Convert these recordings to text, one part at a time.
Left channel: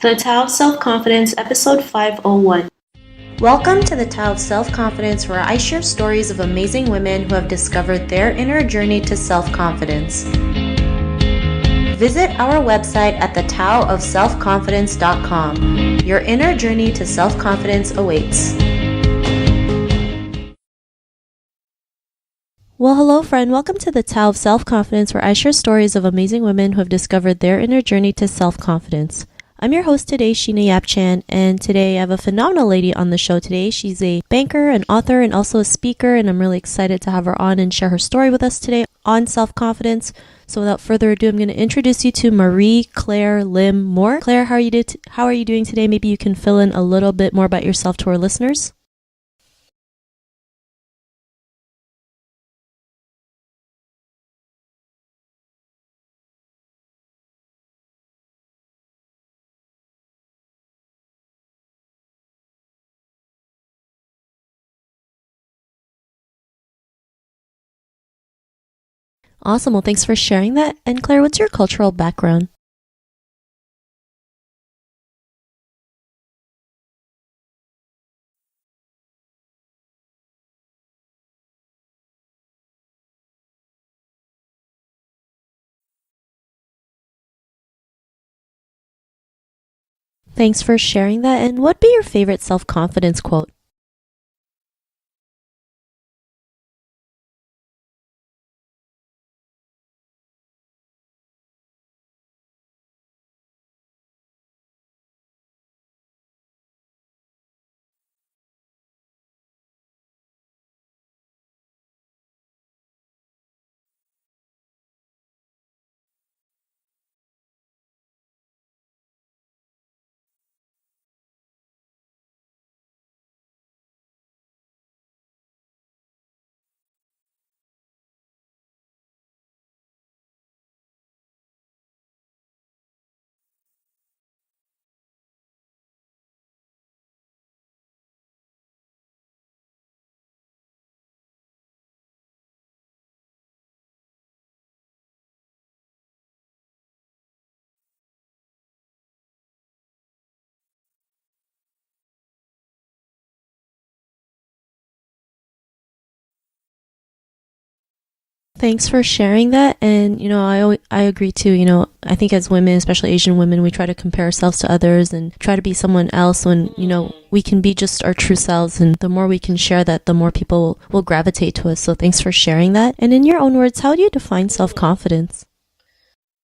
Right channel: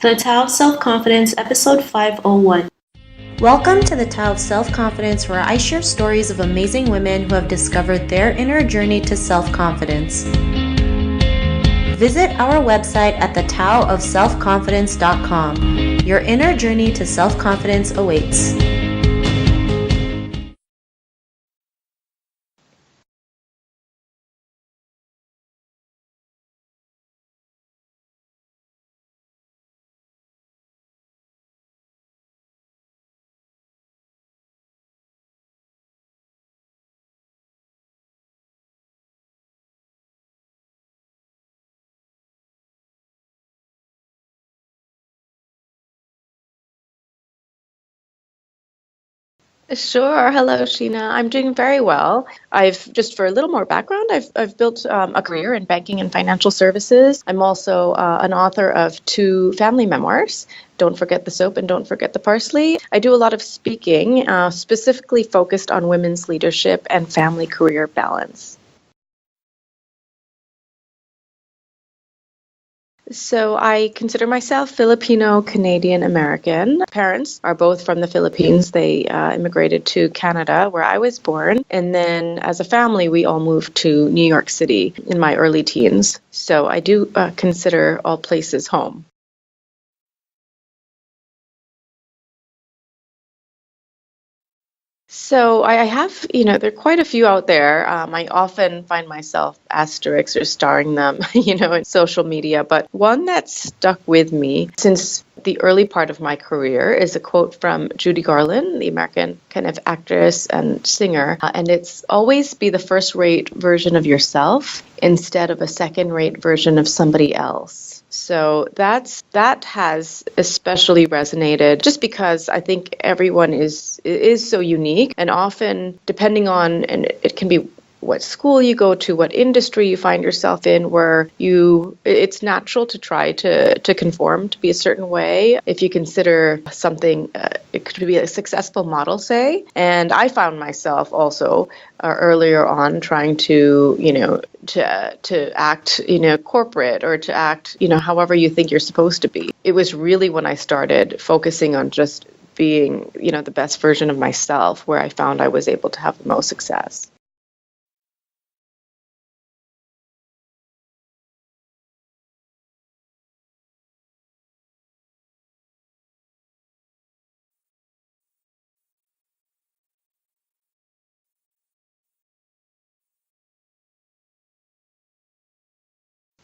The Tao of Self-Confidence, Episode 501. Welcome to the Tao of Self-Confidence, where I share stories of amazing women who have discovered their inner journey to self-confidence. Visit our website at thetaoofselfconfidence.com. Your inner journey to self-confidence awaits. Well, hello, friend. Welcome to the Tao of Self-Confidence, where I share stories of amazing women who have discovered their inner journey to self-confidence. I'm your host today, Sheena Yap-Chan, and today I have a phenomenal lady on the show today. She's a banker, an author, and also a speaker, and I'm really excited to have her on and share her story with us today on self-confidence. So without further ado, I'm going to introduce you to Marie Claire Lim Moore. Claire, how are you doing today? Maybe you can fill in a little bit more about yourself to our listeners. Sure. Hello, Sheena. I'm doing very well. Just for a little more background, I've built a career in banking and financial services. I'm also an author of 2 family memoirs, Don't Forget the Soap and Don't Forget the Parsley. I do a lot of speaking, specifically focused on women's leadership and family career balance. Awesome. Well, thanks for sharing that. And Claire, what's your cultural background? So I consider myself Filipino Canadian American. Parents are both from the Philippines. They immigrated to Canada, where I was born. And then as a family, we all moved to New York City in my early teens. So I do consider all places home. Thanks for sharing that. And what'd be your favorite self-confidence quote? So I have, there are quite a few out there. I often find myself asterisks or starring them, in social media. But one that stuck with me since the early part of my career is a quote from Judy Garland, the American kind of actress and singer. And it's always be the first-rate version of yourself instead of a second-rate version of somebody else. So that has especially resonated just because I think everyone is so unique, and often depending on, and it can be what school you go to, what industry you find yourself in, where it's natural to try to conform, to be a certain way. If you consider something, it could be a successful model, say. And I found myself also earlier on trying to, to act, corporate, or to act, however you think you're supposed to be. It was really when I started focusing on just being, the best version of myself, where I found I was able to have the most success. Thanks for sharing that. And, I agree too. I think as women, especially Asian women, we try to compare ourselves to others and try to be someone else when, we can be just our true selves. And the more we can share that, the more people will gravitate to us. So thanks for sharing that. And in your own words, how do you define self-confidence?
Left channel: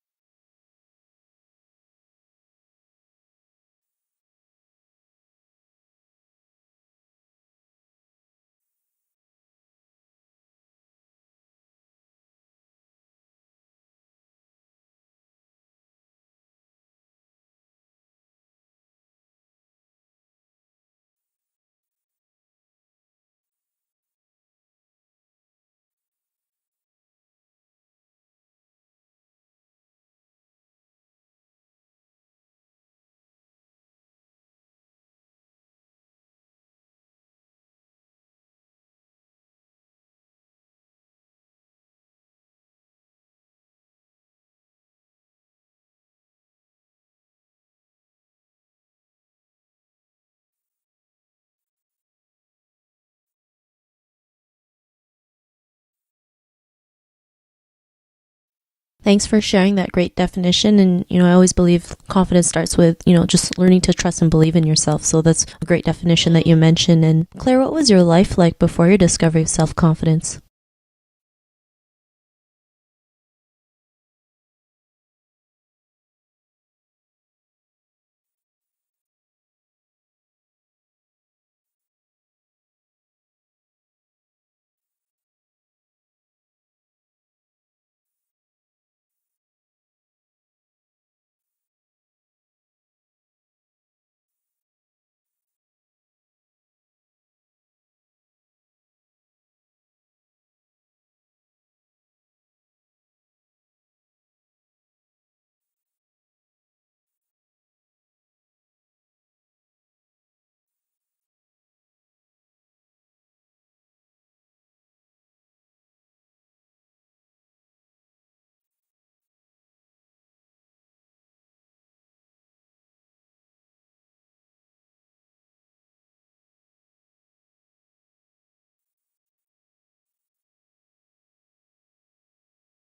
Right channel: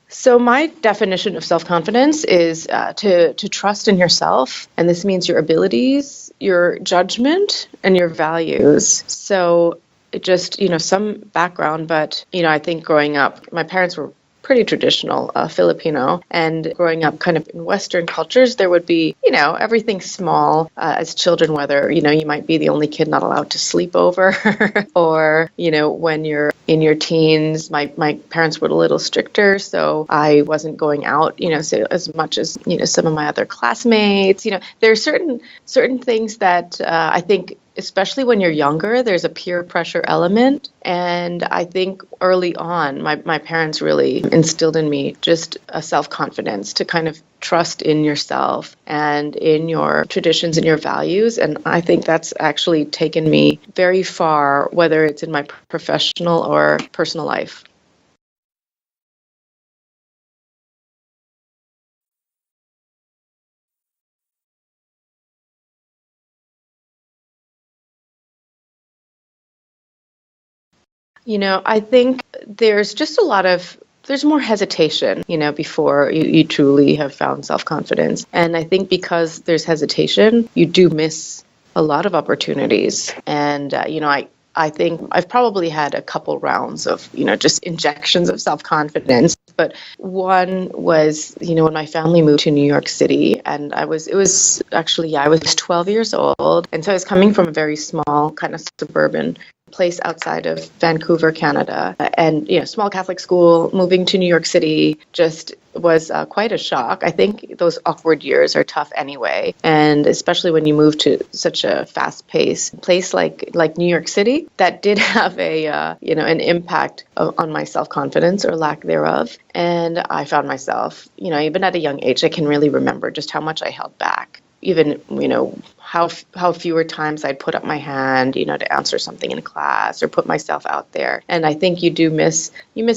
So my definition of self-confidence is to trust in yourself. And this means your abilities, your judgment, and your values. So just, some background, but, I think growing up, my parents were pretty traditional Filipino, and growing up kind of in Western cultures, there would be, everything small as children, whether, you might be the only kid not allowed to sleep over or, when you're in your teens, my parents were a little stricter, so I wasn't going out, so as much as, some of my other classmates, there are certain things that I think, especially when you're younger, there's a peer pressure element. And I think early on, my parents really instilled in me just a self-confidence to kind of trust in yourself and in your traditions and your values. And I think that's actually taken me very far, whether it's in my professional or personal life. Thanks for sharing that great definition. And, I always believe confidence starts with, just learning to trust and believe in yourself. So that's a great definition that you mentioned. And Claire, what was your life like before your discovery of self-confidence? I think there's more hesitation, before you truly have found self-confidence. And I think because there's hesitation, you do miss a lot of opportunities. And, I think I've probably had a couple rounds of, just injections of self-confidence. But one was, when my family moved to New York City, and I was 12 years old. And so I was coming from a very small kind of suburban place outside of Vancouver, Canada, and small Catholic school. Moving to New York City just was quite a shock. I think those awkward years are tough anyway, and especially when you move to such a fast-paced place like New York City, that did have an impact on my self-confidence or lack thereof. And I found myself, even at a young age, I can really remember just how much I held back. Even, how fewer times I'd put up my hand, to answer something in class or put myself out there. And I think you miss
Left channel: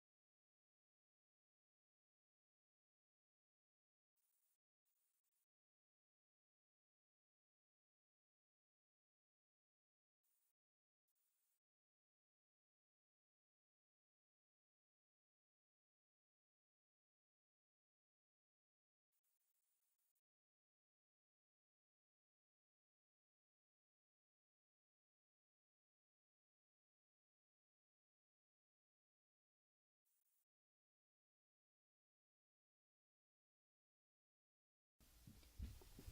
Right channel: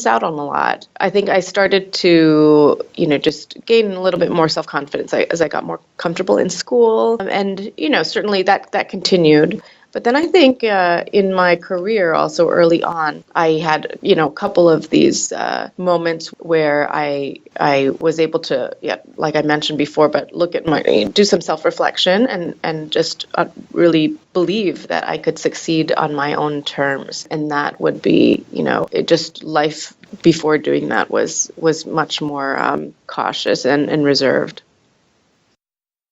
out on a lot. I think I started to, just gain a little bit more self-confidence as I got more comfortable in school. And, certainly that continued. But then I think in my career also early on, I had, a couple of these moments where I was able to, like I mentioned before, but do some self-reflection and just really believe that I could succeed on my own terms. And that would be, just life before doing that was much more cautious and reserved.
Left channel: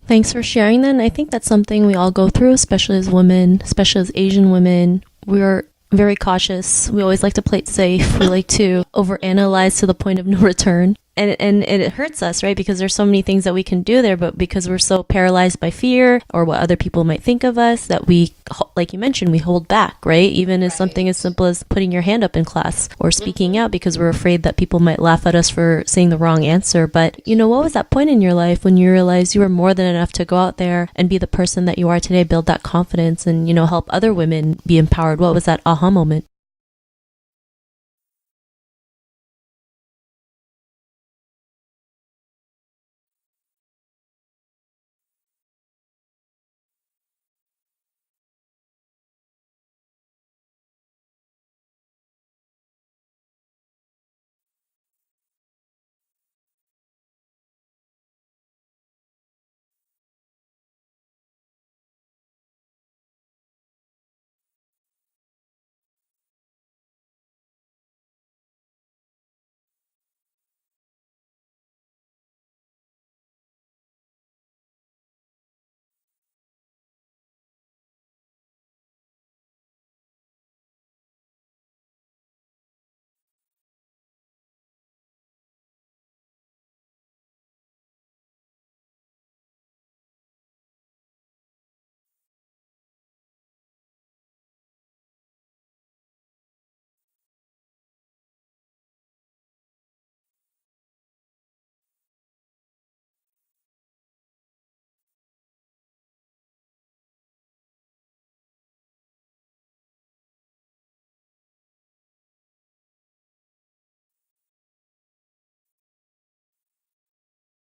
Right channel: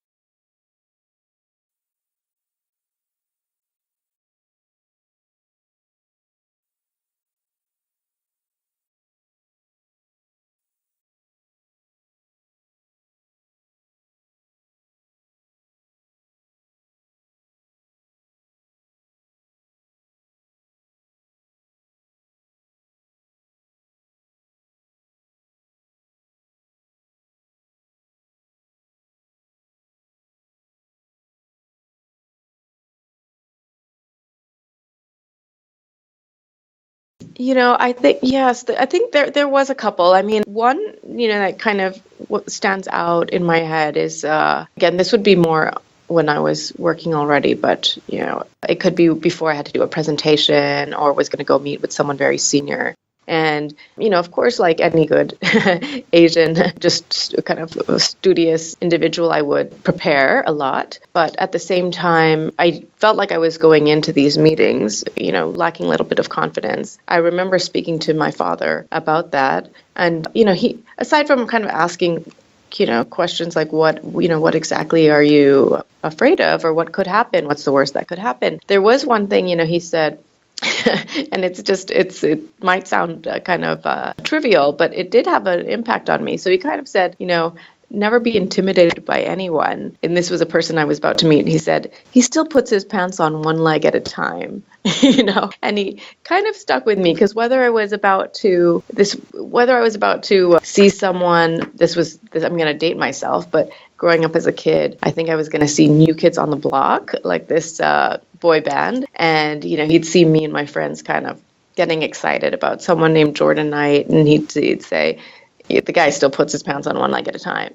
Thanks for sharing that. And I think that's something we all go through, especially as women, especially as Asian women. We're very cautious. We always like to play it safe. We like to overanalyze to the point of no return. And it hurts us, right? Because there's so many things that we can do there, but because we're so paralyzed by fear or what other people might think of us, that we, like you mentioned, we hold back, right? Even as something as simple as putting your hand up in class or speaking out because we're afraid that people might laugh at us for saying the wrong answer. But, what was that point in your life when you realized you were more than enough to go out there and be the person that you are today, build that confidence and, help other women be empowered? What was that aha moment? I think, yes, I think there was a couple. I mean, one, that kind of what stands out in my head is, again, this would be more when I was working already, but, it could be before I had to do a presentation or was going to go meet with someone very senior. And, of course, like any good Asian, just kind of studious individual, I would prepare a lot. But at the same time, I felt like I was going into these meetings, lacking a little bit of confidence. I remember speaking to my father about that. And, he, aside from kind of asking, questions like what exactly are you afraid of or what could happen? What's the worst that could happen? There was one thing, he said, and it might sound kind of trivial, but it did have an impact on me. So he kind of said, never be intimidated by anyone. And this was a person I was about to meet. And he said, he still puts his pants on one leg at a time, and he kind of stuck with me because whether I was about to see someone, I'm going to date myself, but growing up as a kid, I think I was going to see New Kids on the Block, like this boy band. And, he'd see me and my friends kind of getting excited about someone named Jordan Knight. And he'd say, the guy still puts his pants on one leg at a time,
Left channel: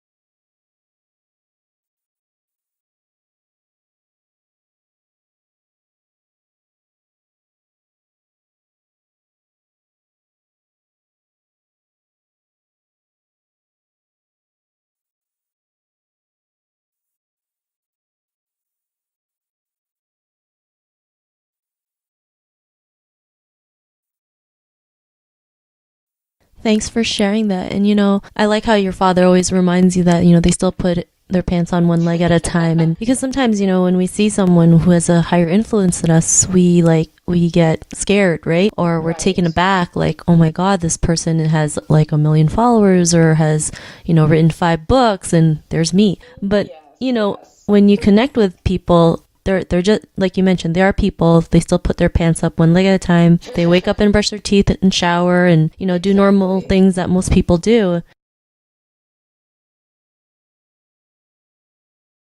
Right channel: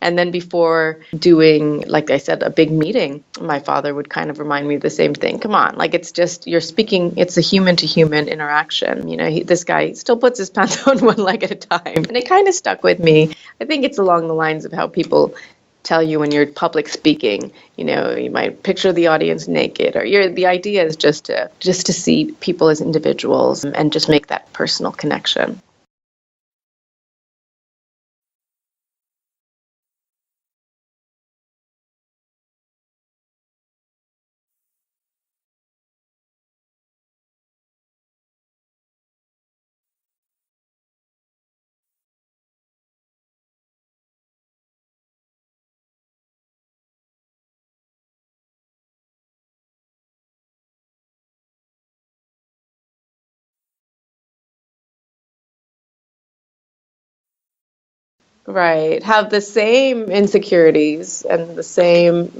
And then before doing, like I said, a big meeting, my father would kind of remind me of the same thing. Come on, like it's just, you're speaking, it's a human to human interaction. This guy still puts his pants on one leg at a time. And it kind of stuck with me. I think it's along the lines of how people tell you when you're public speaking, you might picture the audience naked, or the idea is just to see people as individuals and just make that personal connection. Thanks for sharing that. And, I like how your father always reminds you that, they still put their pants on one leg at a time. And because sometimes, when we see someone who has a higher influence than us, we get scared, right? Or we're taken aback, like, oh my God, this person has like 1 million followers or has, written 5 books and there's me. But, when you connect with people, they're just, like you mentioned, they are people. They still put their pants up one leg at a time. They wake up and brush their teeth and shower and, do normal things that most people do. Right. Have the same insecurities and the same,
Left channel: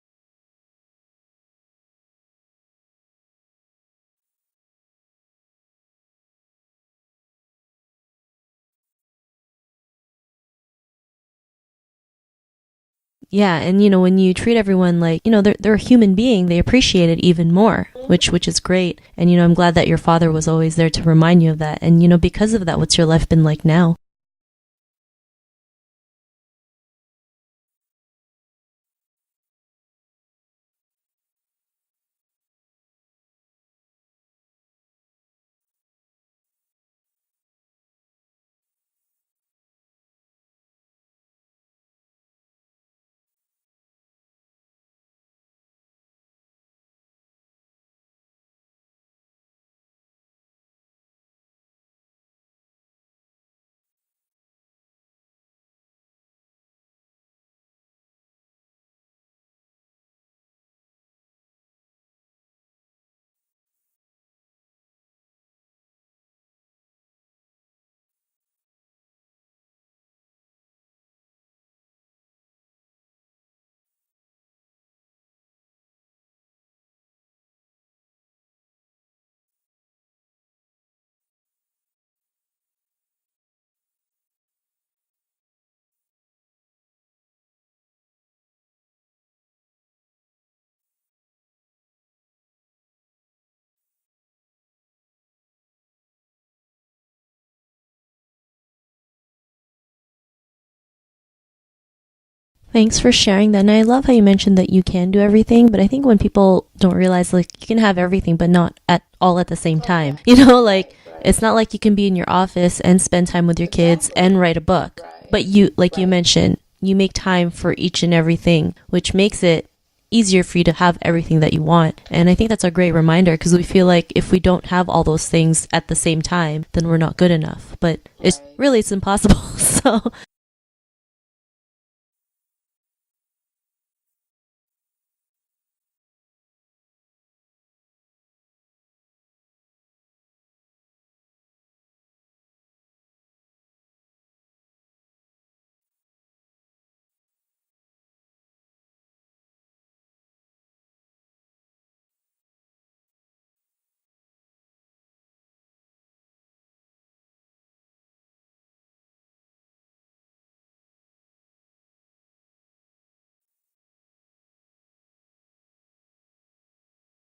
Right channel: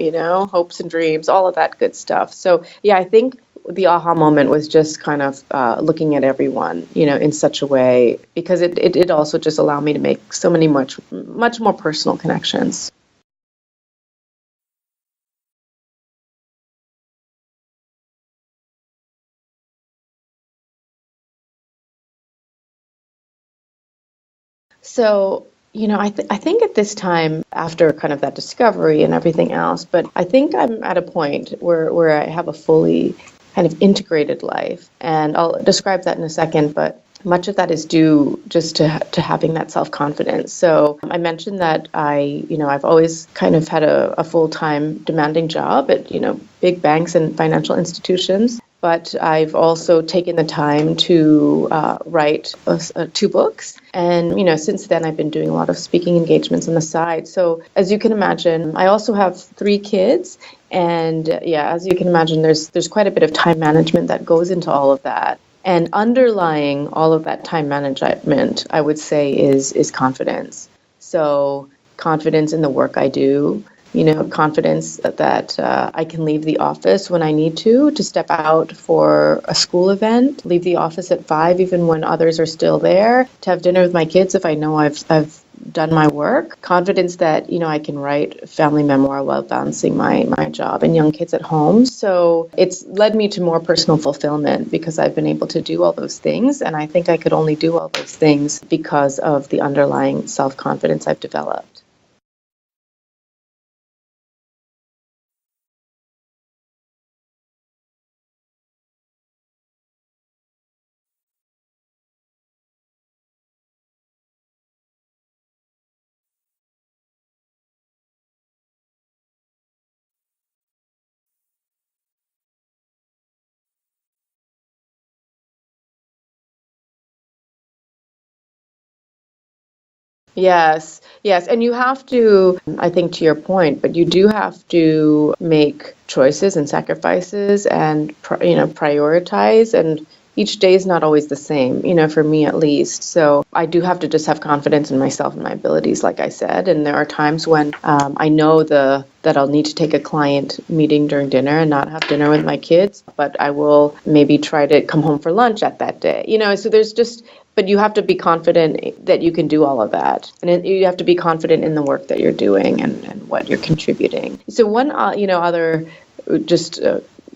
hopes and dreams, all of that good stuff. So, yeah, I think the aha moment was just kind of looking at everyone, in such a way, because it also just allowed me to make so many much more personal connections. Yeah, and when you treat everyone like, they're a human being, they appreciate it even more, which is great. And I'm glad that your father was always there to remind you of that. And because of that, what's your life been like now? So, I think at this time, after kind of that discovery and everything else, but I think I'm at a point where I have a fully kind of integrated life. And I'll describe that in a second, but much of that is due just to having that self-confidence. So I mentioned that I've always kind of had a full-time demanding job at, big banks and financial institutions. but I've also taken the time to write 2 books. And, since then I've been doing a lot of speaking engagements on the side. So as you can imagine, I also have 3 kids. And as you can imagine, there's quite a bit of time management that goes into all of that. And underlying all of that time management, I would say, is confidence. So confidence in the work I do, confidence that I can leave the office when I need to step out for a school event, leave the office at 5 even when others are still there, to have dinner with my kids if I know I've done my work. Confidence that, I can write a family memoir while balancing my job and young kids at home. So it's led me to more personal fulfillment because I've been able to do all those things. And I think I could only do all those things because of the underlying self-confidence I've developed. Thanks for sharing that. And I love how you mentioned that you can do everything, but I think when people don't realize, like, you can have everything, but not at all at the same time. It's not like you can be in your office and spend time with your kids and write a book. But you, like you mentioned, you make time for each and everything, which makes it easier for you to have everything that you want. And I think that's a great reminder because we feel like if we don't have all those things at the same time, then we're not good enough. But it's impossible. So Yes. And you have to, I think to your point, but you do have to make choices and sacrifices and, prioritize. And each day is not always the same, for me at least. So I do have to just have confidence in myself and my abilities, like I said. And there are times when I know that I'll need to take a client meeting during dinner and not have dinner with my kids, but I will maybe try to come home for lunch at that day. So there's just, but you have to be confident that you can do all of that. And you have to be confident in the work that you're doing and what you're contributing. So one, other just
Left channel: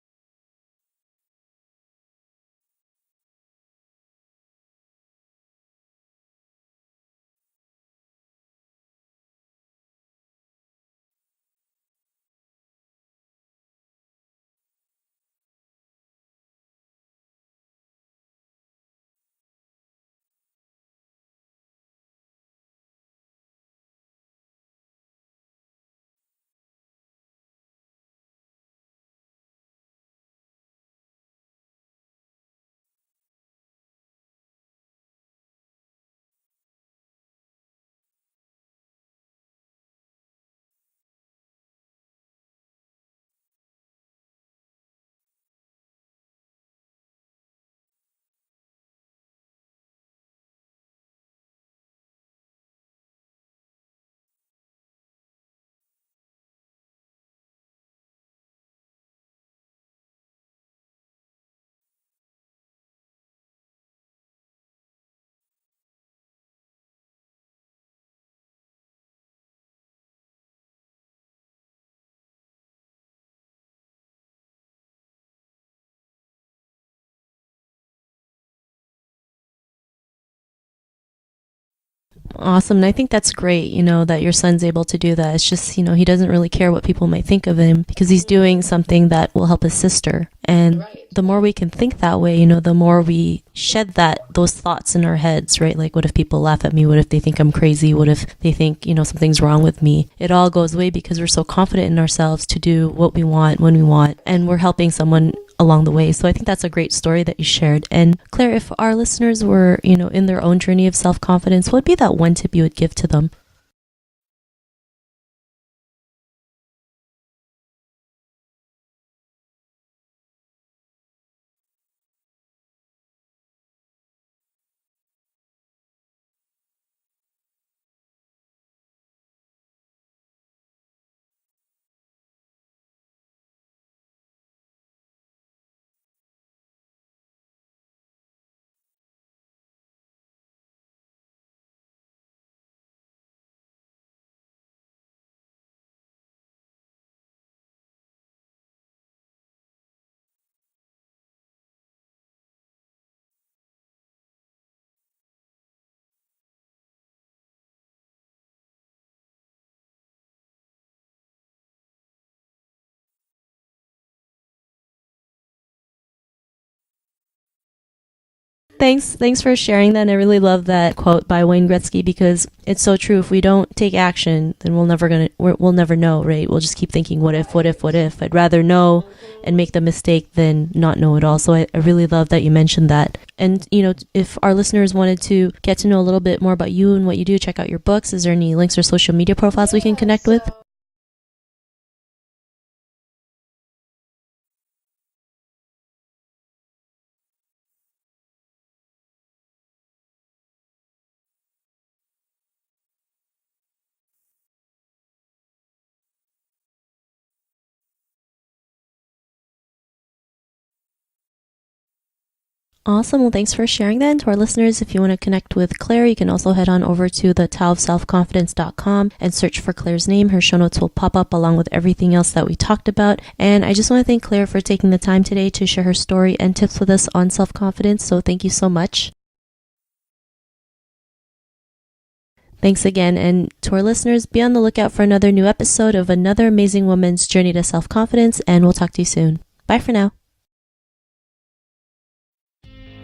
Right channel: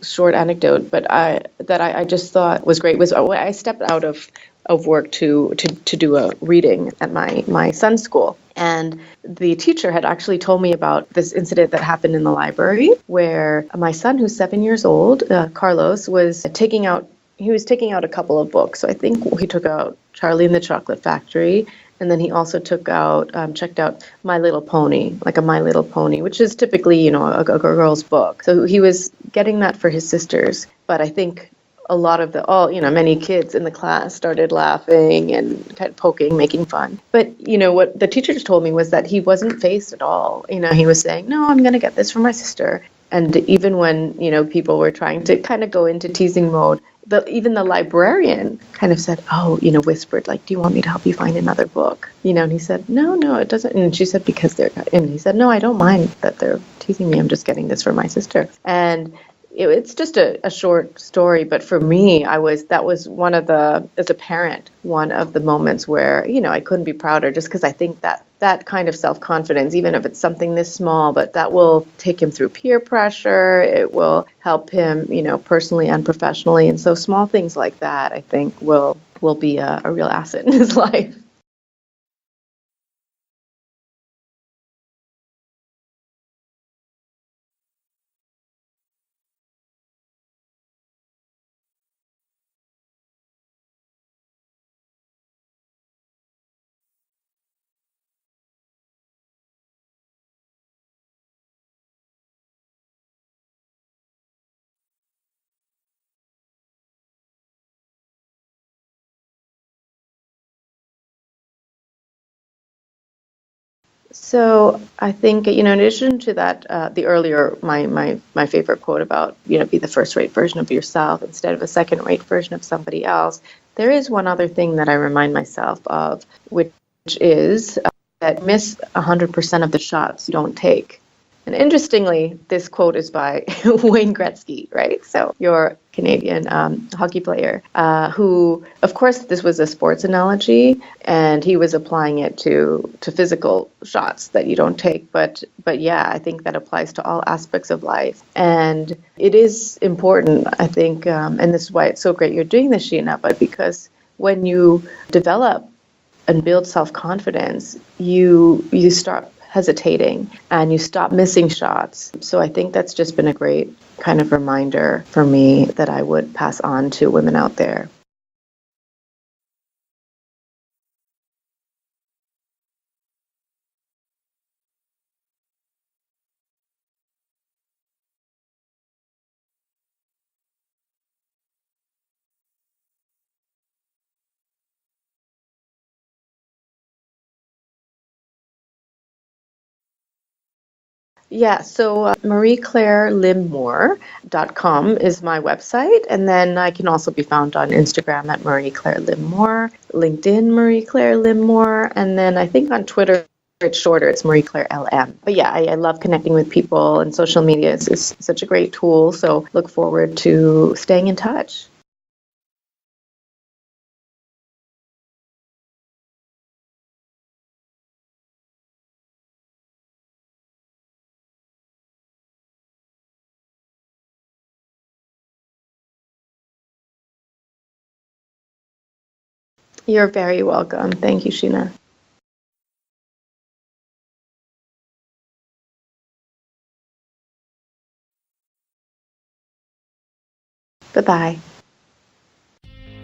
short anecdote, but I just thought was great was I stepped out of work to do a reading at my son's school. And the teacher had actually told me about this incident that happened in the library where my son, who's 7 years old, Carlos, was taking out a couple of books. So I think he took out Charlie and the Chocolate Factory, and then he also checked out My Little Pony, like a My Little Pony, which is typically, a girl's book. So he was getting that for his sisters. But I think a lot of many kids in the class started laughing and kind of poking, making fun. But, what the teacher just told me was that he wasn't fazed at all. He was saying, no, I'm going to get this for my sister. And even when, people were trying to kind of go into teasing mode, even the librarian kind of said, whispered, like, do you want me to help you find another book? And he said, no, it doesn't. And she said, and he said, no, I don't mind that they're teasing me. I'm just getting this for my sister. And it's just a short story, but for me, that was one of as a parent, one of the moments where, I couldn't be prouder just because I think that kind of self-confidence, even if it's something this small, but that will take him through peer pressure. It will help him, personally and professionally. And so small things like that, I think will be a real asset in his life. awesome. And I think that's great, that your son's able to do that. It's just, he doesn't really care what people might think of him because he's doing something that will help his sister. And the more we can think that way, the more we shed those thoughts in our heads, right? Like, what if people laugh at me? What if they think I'm crazy? What if they think, something's wrong with me? It all goes away because we're so confident in ourselves to do what we want when we want, and we're helping someone along the way. So I think that's a great story that you shared. And Claire, if our listeners were, in their own journey of self-confidence, what would be that one tip you would give to them? So I think, in addition to that, the earlier, my favorite quote about, be the first-rate version of yourself instead of a second-rate version of somebody else, there is one other thing that I remind myself of, which is that miss 100% of the shots you don't take. And interestingly, this quote is by Wayne Gretzky, right? So your Canadian hockey player, who, of course, this was a sports analogy, and he was applying it to physical shots that you don't take. But yeah, I think that applies to all aspects of life. And it is important, I think, and this is why it's so great you're doing this, Sheena, but because when you develop and build self-confidence, you start hesitating and you stop missing shots. So I think that's just been a great kind of reminder for me that I would pass on to women out there. Thanks for sharing that. And I really love that quote by Wayne Gretzky because it's so true. If we don't take action, then we'll never know, right? We'll just keep thinking, what if? I'd rather know and make the mistake than not know at all. So I really love that you mentioned that. And, if our listeners wanted to get to know a little bit more about you and what you do, check out your books. Is there any links or social media profiles we can connect with? Yeah, so marieclairelimmour.com is my website. And then I can also be found on Instagram at Marie Claire Limmour, LinkedIn Marie Claire Limmour, and then I think on Twitter it's shorter, it's Marie Claire LM. But yeah, I love connecting with people, and social media is such a great tool. So look forward to staying in touch. Awesome. Well, thanks for sharing that. And to our listeners, if you want to connect with Claire, you can also head on over to the taoofselfconfidence.com and search for Claire's name. Her show notes will pop up along with everything else that we talked about. And I just want to thank Claire for taking the time today to share her story and tips with us on self-confidence. So thank you so much. You're very welcome. Thank you, Sheena. Thanks again. And to our listeners, be on the lookout for another new episode of another amazing woman's journey to self-confidence. And we'll talk to you soon. Bye for now. Bye-bye.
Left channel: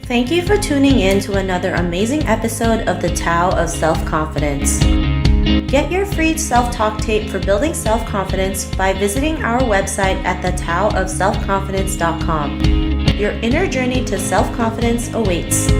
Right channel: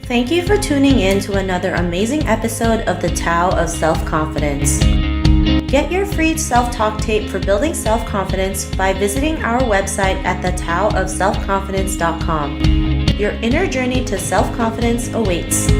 Thank you for tuning in to another amazing episode of the Tao of Self-Confidence. Get your free self-talk tape for building self-confidence by visiting our website at thetaoofselfconfidence.com. Your inner journey to self-confidence awaits.